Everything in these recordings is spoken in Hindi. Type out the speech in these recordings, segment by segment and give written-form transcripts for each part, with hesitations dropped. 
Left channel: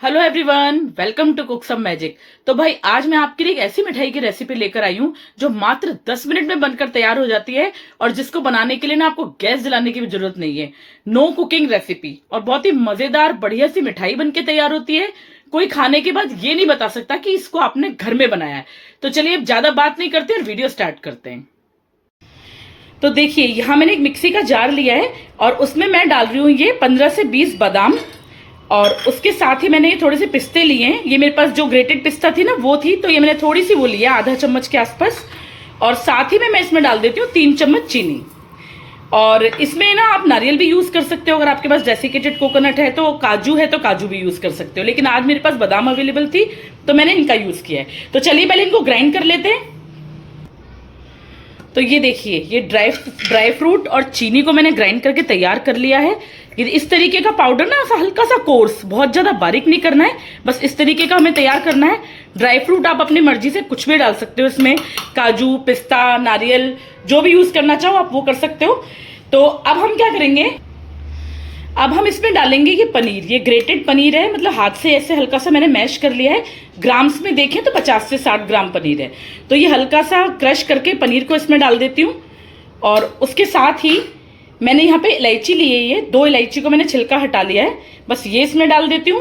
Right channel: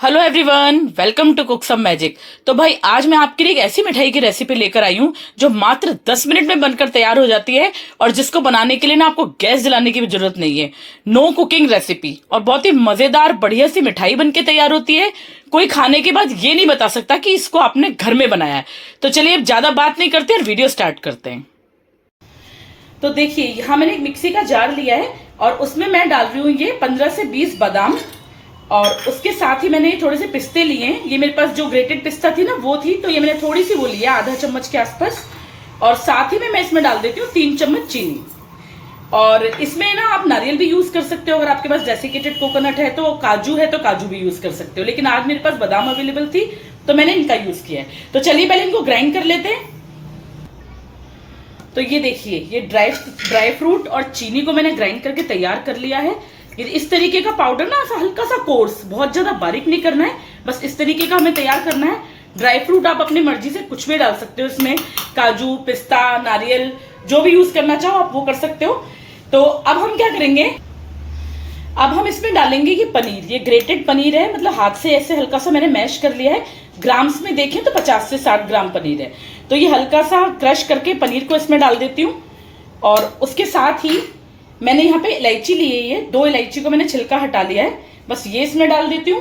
Hello everyone, welcome to cook some magic. तो भाई आज मैं आपके लिए एक ऐसी मिठाई की रेसिपी लेकर आई हूँ जो मात्र 10 मिनट में बनकर तैयार हो जाती है और जिसको बनाने के लिए ना आपको गैस जलाने की भी जरूरत नहीं है। नो कुकिंग रेसिपी और बहुत ही मजेदार बढ़िया सी मिठाई बनके तैयार होती है। कोई खाने के बाद ये नहीं बता सकता कि इसको आपने घर में बनाया है। तो चलिए अब ज्यादा बात नहीं करते और वीडियो स्टार्ट करते हैं। तो देखिए यहाँ मैंने एक मिक्सी का जार लिया है और उसमें मैं डाल रही हूँ ये 15 से 20 बादाम और उसके साथ ही मैंने थोड़े से पिस्ते लिए हैं। ये मेरे पास जो ग्रेटेड पिस्ता थी ना वो थी, तो ये मैंने थोड़ी सी वो लिया, आधा चम्मच के आसपास। और साथ ही में मैं इसमें डाल देती हूँ 3 चम्मच चीनी। और इसमें ना आप नारियल भी यूज कर सकते हो, अगर आपके पास डेसिकेटेड कोकोनट है तो, काजू है तो काजू भी यूज कर सकते हो, लेकिन आज मेरे पास बादाम अवेलेबल थी तो मैंने इनका यूज किया है। तो चलिए पहले इनको ग्राइंड कर लेते हैं। तो ये देखिए, ये ड्राई फ्रूट और चीनी को मैंने ग्राइंड करके तैयार कर लिया है। इस तरीके का पाउडर ना, ऐसा हल्का सा कोर्स, बहुत ज्यादा बारीक नहीं करना है, बस इस तरीके का हमें तैयार करना है। ड्राई फ्रूट आप अपनी मर्जी से कुछ भी डाल सकते हो इसमें, काजू, पिस्ता, नारियल, जो भी यूज करना चाहो आप वो कर सकते हो। तो अब हम क्या करेंगे, अब हम इसमें डालेंगे ये पनीर। ये ग्रेटेड पनीर है, मतलब हाथ से ऐसे हल्का सा मैंने मैश कर लिया है। ग्राम्स में देखें तो 50 से 60 ग्राम पनीर है। तो ये हल्का सा क्रश करके पनीर को इसमें डाल देती हूँ। और उसके साथ ही मैंने यहाँ पे इलायची ली है, ये 2 इलायची को मैंने छिलका हटा लिया है, बस ये इसमें डाल देती हूँ।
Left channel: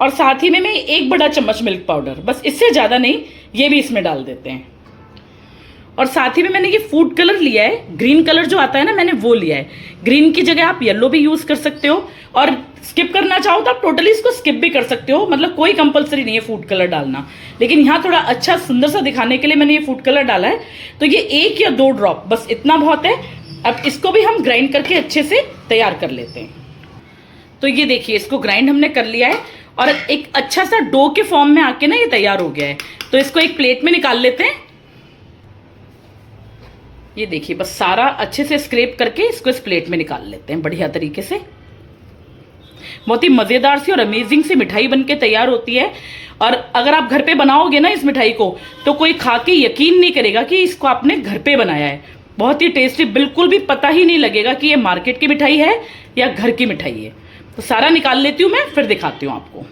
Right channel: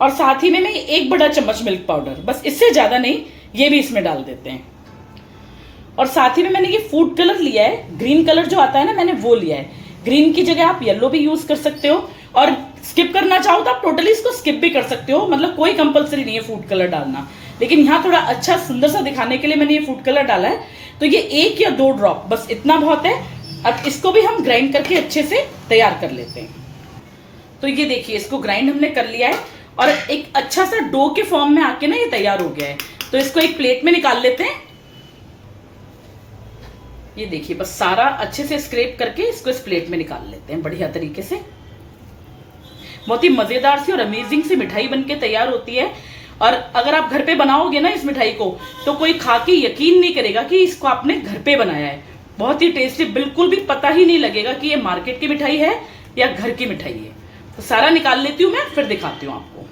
और साथ ही में मैं 1 बड़ा चम्मच मिल्क पाउडर, बस इससे ज्यादा नहीं, ये भी इसमें डाल देते हैं। और साथ ही में मैंने ये फूड कलर लिया है, ग्रीन कलर जो आता है ना, मैंने वो लिया है। ग्रीन की जगह आप येलो भी यूज कर सकते हो, और स्किप करना चाहो तो आप टोटली इसको स्किप भी कर सकते हो, मतलब कोई कंपलसरी नहीं है फूड कलर डालना। लेकिन यहाँ थोड़ा अच्छा सुंदर सा दिखाने के लिए मैंने ये फूड कलर डाला है। तो ये 1 या 2 ड्रॉप, बस इतना बहुत है। अब इसको भी हम ग्राइंड करके अच्छे से तैयार कर लेते हैं। तो ये देखिए, इसको ग्राइंड हमने कर लिया है और एक अच्छा सा डो के फॉर्म में आके ना ये तैयार हो गया है। तो इसको एक प्लेट में निकाल लेते हैं। ये देखिए, बस सारा अच्छे से स्क्रैप करके इसको इस प्लेट में निकाल लेते हैं बढ़िया तरीके से। बहुत ही मजेदार सी और अमेजिंग सी मिठाई बनके तैयार होती है। और अगर आप घर पे बनाओगे ना इस मिठाई को, तो कोई खा के यकीन नहीं करेगा कि इसको आपने घर पे बनाया है। बहुत ही टेस्टी, बिल्कुल भी पता ही नहीं लगेगा कि ये मार्केट की मिठाई है या घर की मिठाई है। तो सारा निकाल लेती हूँ मैं, फिर दिखाती हूँ आपको।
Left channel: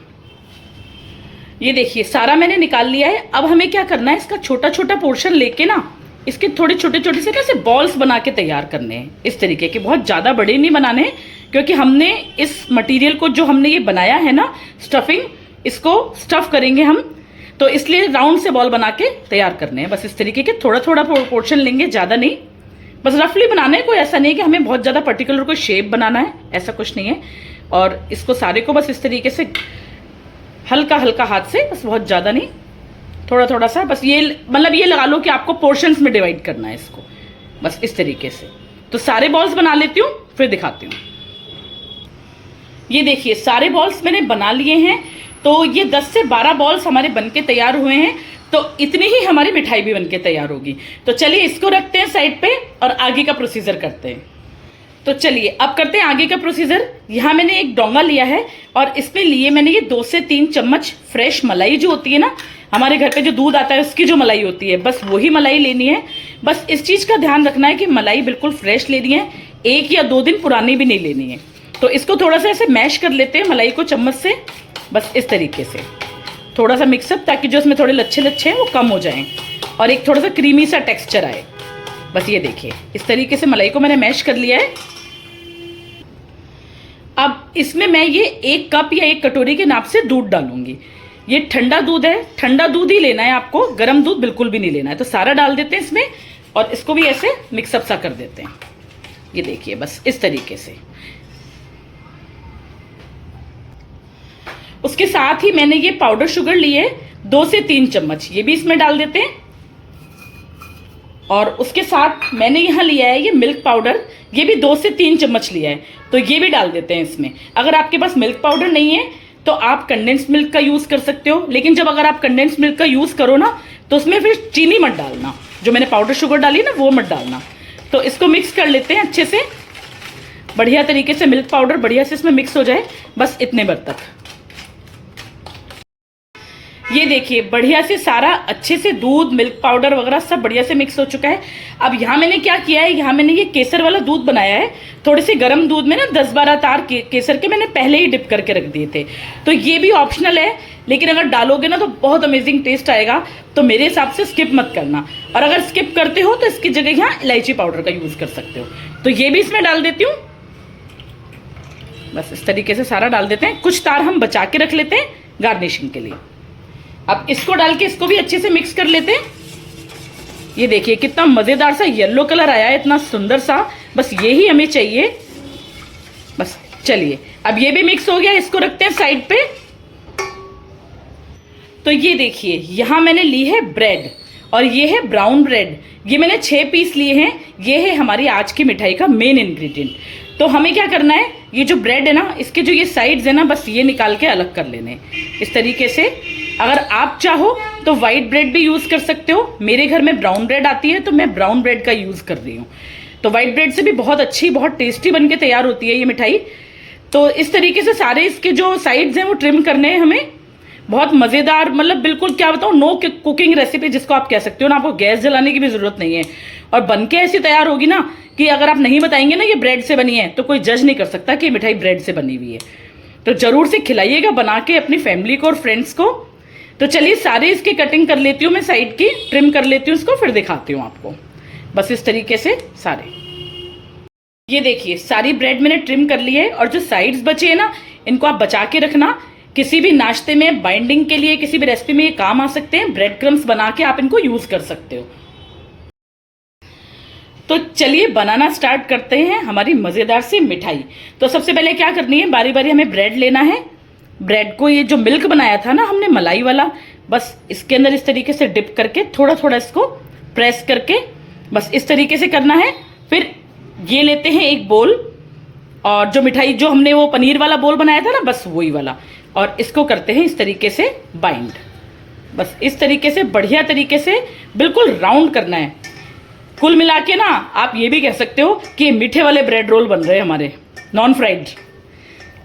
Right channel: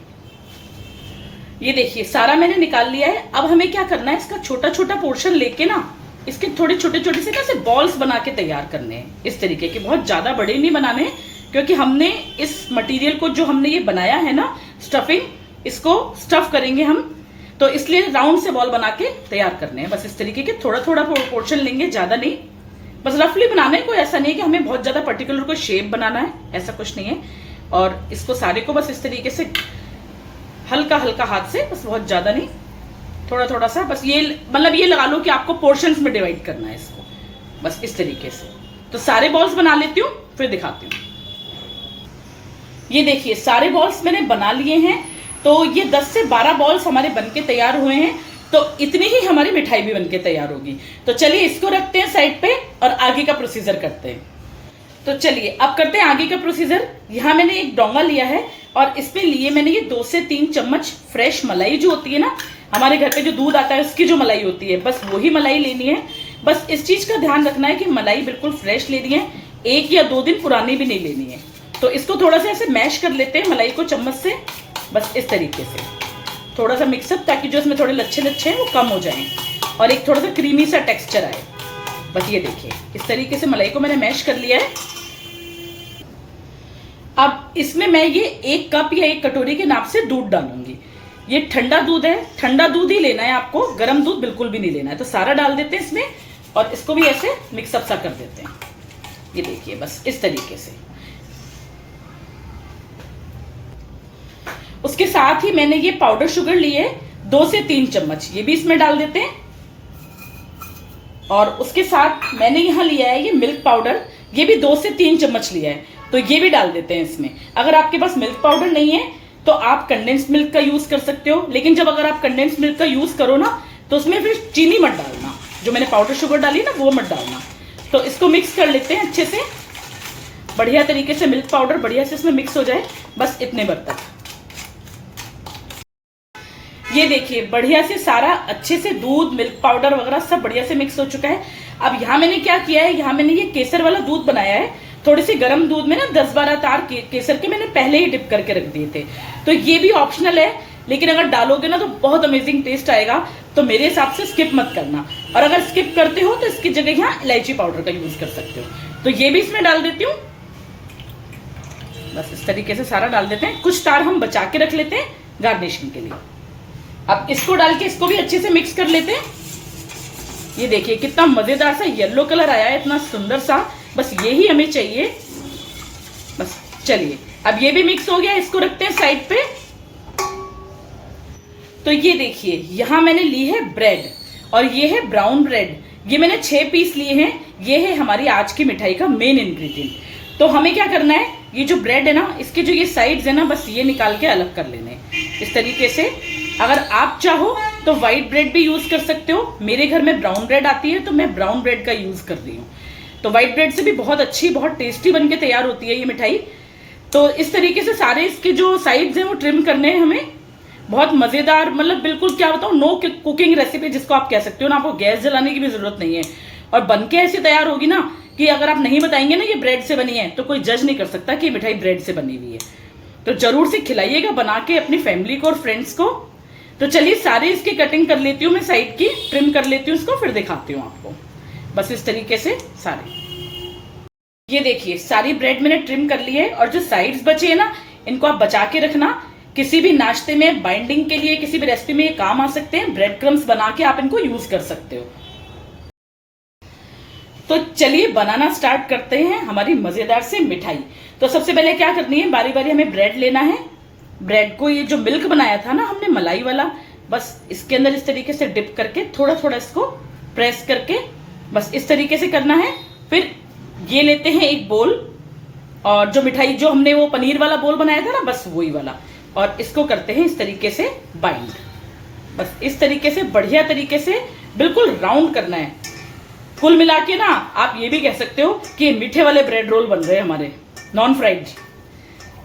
ये देखिए, सारा मैंने निकाल लिया है। अब हमें क्या करना है, इसका छोटा छोटा पोर्शन लेके ना, इसके थोड़े छोटे छोटे से ऐसे बॉल्स बना के तैयार करने हैं इस तरीके के। बहुत ज्यादा बड़े नहीं बनाने, क्योंकि हमने इस मटेरियल को, जो हमने ये बनाया है ना स्टफिंग, इसको स्टफ करेंगे हम, तो इसलिए राउंड से बॉल बना के तैयार करने हैं। बस इस तरीके के थोड़ा थोड़ा पोर्शन लेंगे, ज्यादा नहीं, बस रफली बनाना है। कोई ऐसा नहीं है कि हमें बहुत ज्यादा पर्टिकुलर कोई शेप बनाना है, ऐसा कुछ नहीं है। और इसको सारे को बस इस तरीके से हल्का हल्का हाथ से, बस बहुत ज्यादा नहीं, थोड़ा थोड़ा सा, बस ये मतलब ये लगा लो कि आपको पोर्शंस में डिवाइड करना है इसको, बस इस तरीके से। तो सारे बॉल्स बना लेती हूँ, फिर दिखाती हूँ। ये देखिए, सारे बॉल्स मैंने बना लिए हैं। तो ये 10 से 12 बॉल्स हमारे बनके तैयार हुए हैं। तो इतनी ही हमारी मिठाई भी बनके तैयार होगी। तो चलिए इसको रखते हैं साइड पे और आगे का प्रोसीजर करते हैं। तो चलिए अब करते हैं आगे का प्रोसीजर। यहाँ मैंने एक डोंगा लिया है और इसमें लिए मैंने ये 2 से 3 चम्मच फ्रेश मलाई, जो होती है ना हमारे घर पे जो दूध आता है उसकी जो मलाई होती है, बस वही मलाई लेनी है। बस इस चीज का ध्यान रखना है कि मलाई बिल्कुल फ्रेश लेनी है, 1 या 2 दिन पुरानी भी नहीं लेनी है। तो इसको थोड़ा सा ऐसे मैश कर लेते हैं मलाई को चम्मच से, बस इस तरीके से थोड़ा सा मिक्सअप, ताकि जो इसमें थोड़े लच्छे लच्छे हैं वो कम हो जाएं और एक थोड़ा सा क्रीमी सा टेक्सचर आए। बस ये देखिए, इस तरीके से मलाई को मैंने मैश कर लिया है। अब इसमें मैं ये 1 कप या 1 कटोरी के नाप से दूध डालूंगी। ये ठंडा दूध है, ठंडा दूध ही लेना है आपको, गर्म दूध बिल्कुल भी नहीं लेना है। तो सारा डाल देते हैं इसमें और इसको भी ऐसे मिक्सअप सा कर देते हैं। ये देखिए, बस इस तरीके से। उसके साथ ही मैंने ये पाउडर शुगर ली है 2 से 3 चम्मच, ये भी इसमें डाल देते हैं। और उसके साथ मैंने यहाँ लिया है ये मिल्क पाउडर, ये भी 2 से 3 चम्मच लिया है, तो ये भी डाल देते हैं इसमें। अगर आपके पास मिल्क पाउडर नहीं है तो आप कंडेंस मिल्क का यूज कर सकते हो, लेकिन जब अगर आप कंडेंस मिल्क का यूज करो ना, तो उसमें फिर चीनी मत डालना, जो मैंने पाउडर शुगर डाली है ना वो मत डालना। तो इसको मिक्स कर लेते हैं अच्छे से, बढ़िया तरीके से मिल्क पाउडर बढ़िया से इसमें मिक्स हो जाए, बस इतने भर तक। ये देखिए, बढ़िया से सारा अच्छे से दूध, मिल्क पाउडर वगैरह सब बढ़िया से मिक्स हो चुका है। अब यहाँ मैंने क्या किया है, यहाँ मैंने ये केसर वाला दूध बनाया है, थोड़े से गर्म दूध में ना 10-12 तार केसर के मैंने पहले ही डिप करके रख दिए थे। तो ये भी ऑप्शनल है, लेकिन अगर डालोगे ना तो बहुत अमेजिंग टेस्ट आएगा, तो मेरे हिसाब से स्किप मत करना। और अगर स्किप करते हो तो इसकी जगह यहाँ इलायची पाउडर का यूज कर सकते हो। तो ये भी इसमें डाल देती हूँ। बस इस तरीके से सारा डाल देते हैं। कुछ तार हम बचा के रख लेते हैं गार्निशिंग के लिए। अब इसको डाल के इसको भी अच्छे से मिक्स कर लेते हैं। ये देखिए कितना मजेदार सा येलो कलर आया है, इतना सुंदर सा। बस यही हमें चाहिए। बस चलिए, अब ये भी मिक्स हो गया, इसको रखते हैं साइड पे। तो ये देखिए यहां मैंने ली है ब्रेड, और ये है ब्राउन ब्रेड। ये मैंने 6 पीस लिए हैं। ये है हमारी आज की मिठाई का मेन इंग्रेडिएंट। तो हमें क्या करना है, ये जो ब्रेड है ना, इसके जो ये साइड्स है ना, बस ये निकाल के अलग कर लेने इस तरीके से। अगर आप चाहो तो व्हाइट ब्रेड भी यूज कर सकते हो। मेरे घर में ब्राउन ब्रेड आती है तो मैं ब्राउन ब्रेड का यूज कर रही हूँ। तो व्हाइट ब्रेड से भी बहुत अच्छी, बहुत टेस्टी बनके तैयार होती है ये मिठाई। तो इस तरीके से सारे इसके जो साइड्स हैं वो ट्रिम करने हैं हमें। बहुत मजेदार, मतलब बिल्कुल क्या बताऊं, नो कुकिंग रेसिपी जिसको आप कह सकते हो ना। आपको गैस जलाने की भी जरूरत नहीं है, और बनके ऐसी तैयार होगी ना कि अगर आप नहीं बताएंगे ना ये ब्रेड से बनी है तो कोई जज नहीं कर सकता कि ये मिठाई ब्रेड से बनी हुई है। तो जरूर से खिलाइएगा बना के अपनी फैमिली को और फ्रेंड्स को। तो चलिए सारे इसकी कटिंग कर लेती हूँ मैं, साइड की ट्रिम कर लेती हूँ उसको, फिर दिखाती हूँ आपको। बस इस तरीके से सारे, ये देखिए सारी ब्रेड मैंने ट्रिम कर ली है। और जो साइड्स बचे हैं ना, इनको आप बचा के रखना। किसी भी नाश्ते में, बाइंडिंग के लिए, किसी भी रेसिपी में ये काम आ सकते हैं। ब्रेड क्रम्स बना के आप इनको यूज कर सकते हो। तो चलिए बनाना स्टार्ट करते हैं हमारी मजेदार सी मिठाई। तो सबसे पहले क्या करनी है, बारी बारी हमें ब्रेड लेना है। ब्रेड को, ये जो मिल्क बनाया था ना हमने मलाई वाला, बस इसके अंदर इस तरीके से डिप करके थोड़ा थोड़ा इसको प्रेस करके बस इस तरीके से करना है। फिर ये लेते हैं एक बोल, और जो मिठाई जो हमने वो पनीर वाला बोल बनाया था ना, बस वही वाला, और इसको करते हैं इस तरीके से बाइंड। बस इस तरीके से बढ़िया तरीके से बिल्कुल राउंड करना है। कुल मिला के ना आप ये भी कह सकते हो कि मीठे वाले ब्रेड रोल बन रहे हैं हमारे, नॉन फ्राइड।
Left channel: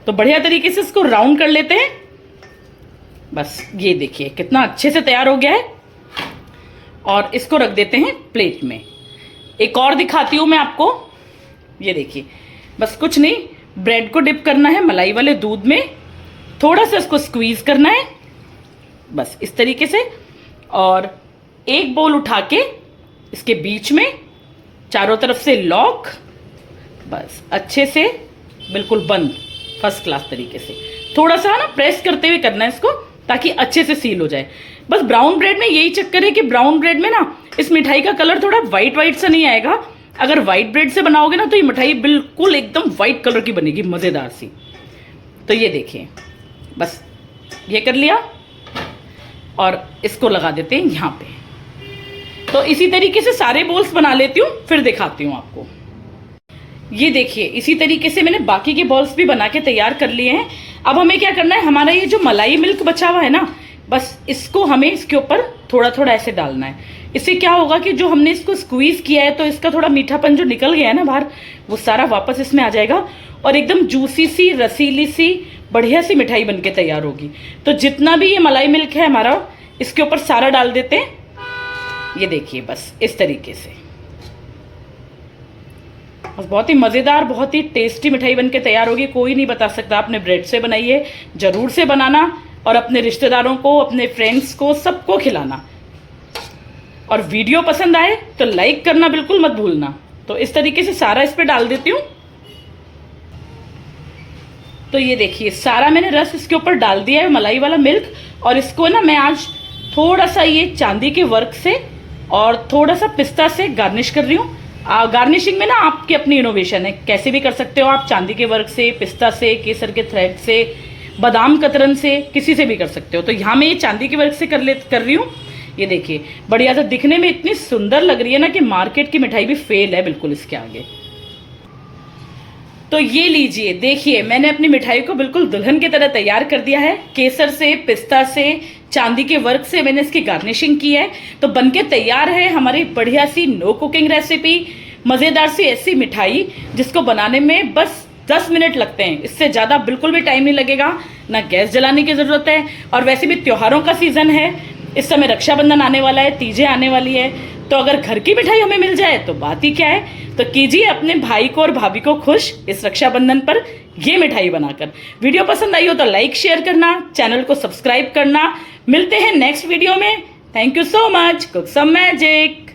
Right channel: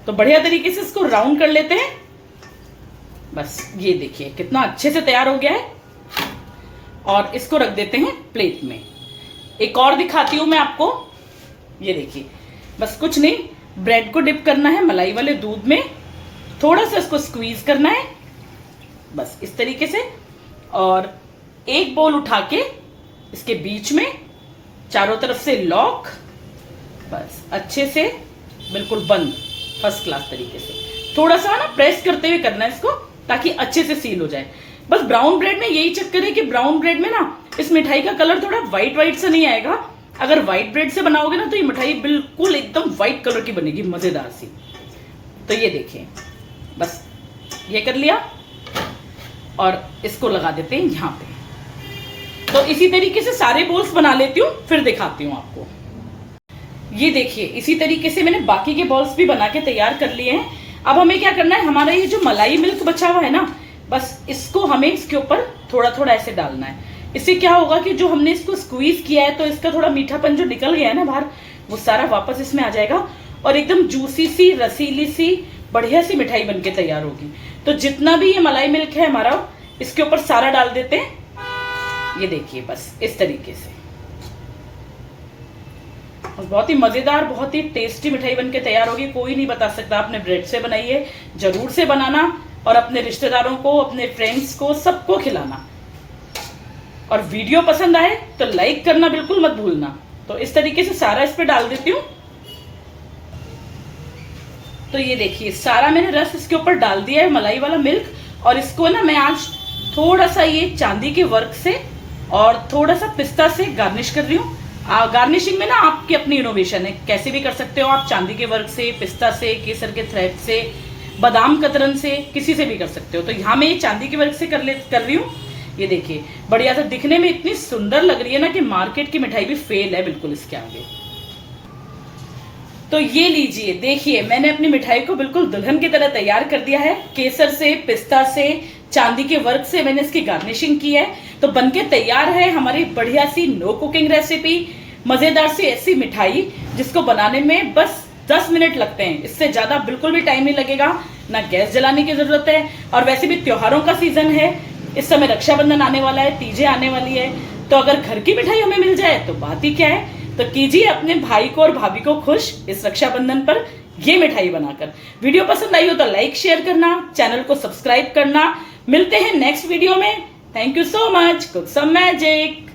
तो बढ़िया तरीके से इसको राउंड कर लेते हैं। बस ये देखिए कितना अच्छे से तैयार हो गया है, और इसको रख देते हैं प्लेट में। एक और दिखाती हूं मैं आपको। ये देखिए, बस कुछ नहीं, ब्रेड को डिप करना है मलाई वाले दूध में, थोड़ा सा इसको स्क्वीज करना है बस इस तरीके से, और एक बोल उठा के इसके बीच में चारों तरफ से लॉक, बस अच्छे से बिल्कुल बंद, फर्स्ट क्लास तरीके से। थोड़ा सा ना प्रेस करते हुए करना है इसको, ताकि अच्छे से सील हो जाए। बस ब्राउन ब्रेड में यही चक्कर है कि ब्राउन ब्रेड में ना इस मिठाई का कलर थोड़ा व्हाइट व्हाइट सा नहीं आएगा। अगर व्हाइट ब्रेड से बनाओगे ना तो ये मिठाई बिल्कुल एकदम व्हाइट कलर की बनेगी, मजेदार सी। तो ये देखिए, बस ये कर लिया, और इसको लगा देते हैं यहां पे। तो इसी तरीके से सारे बोल्स बना लेती हूँ, फिर दिखाती हूँ आपको। ये देखिए इसी तरीके से मैंने बाकी के बॉल्स भी बना के तैयार कर लिए हैं। अब हमें क्या करना है, हमारा ये जो मलाई मिल्क बचा हुआ है ना, बस इसको हमें इसके ऊपर थोड़ा थोड़ा ऐसे डालना है। इससे क्या होगा कि जो हमने इसको स्क्वीज किया है तो इसका थोड़ा मीठापन जो निकल गया है ना बाहर, वो सारा वापस इसमें आ जाएगा, और एकदम जूसी सी, रसीली सी, बढ़िया सी मिठाई बनके तैयार होगी। तो जितना भी ये मलाई मिल्क है हमारा, इसके ऊपर सारा डाल देते हैं। ये देखिए बस इस तरीके से, बहुत ही मजेदार, बहुत ही टेस्टी मिठाई बनके तैयार होगी। कोई नहीं बता सकता आपने ब्रेड से बनाई है। जरूर से बनाना, और अपने रिश्तेदारों को, अपने फ्रेंड्स को, सबको खिलाना। और वीडियो पसंद आए तो लाइक करना बिल्कुल मत भूलना। तो इस तरीके से सारा इस पे डाल देती हूँ। तो ये देखिए सारा मैंने रस इसके ऊपर डाल दिया है, मलाई वाला मिल्क। और इसको ना मैं आज थोड़ा सा ये चांदी के वर्क से और थोड़ा सा पिस्ता से गार्निश कर रही हूँ। गार्निशिंग में ना आपकी अपनी इनोवेशन है, कैसे भी कर सकते हो आप, चांदी के वर्क से, पिस्ता से, केसर के थ्रेड से, बादाम कतरन से, किसी से भी कर सकते हो। तो यहाँ मैं ये चांदी के वर्क से कर रही हूँ। ये देखिए बढ़िया, तो दिखने में इतनी सुंदर लग रही है ना कि मार्केट की मिठाई भी फेल है बिल्कुल इसके आगे। तो ये लीजिए, देखिए मैंने अपनी मिठाई को बिल्कुल दुल्हन की तरह तैयार कर दिया है। केसर से, पिस्ता से, चांदी के वर्क से मैंने इसकी गार्निशिंग की है। तो बनके तैयार है हमारी बढ़िया सी नो कुकिंग रेसिपी, मजेदार सी ऐसी मिठाई जिसको बनाने में बस 10 मिनट लगते हैं। इससे ज्यादा बिल्कुल भी टाइम नहीं लगेगा, ना गैस जलाने की जरूरत है। और वैसे भी त्योहारों का सीजन है, इस समय रक्षाबंधन आने वाला है, तीजें आने वाली है। तो अगर घर की मिठाई हमें मिल जाए तो बात ही क्या है। तो कीजिए अपने भाई को और भाभी को खुश इस रक्षाबंधन पर ये मिठाई बनाकर। वीडियो पसंद आई हो तो लाइक शेयर करना, चैनल को सब्सक्राइब करना। मिलते हैं नेक्स्ट वीडियो में। Thank you so much. Cook some magic.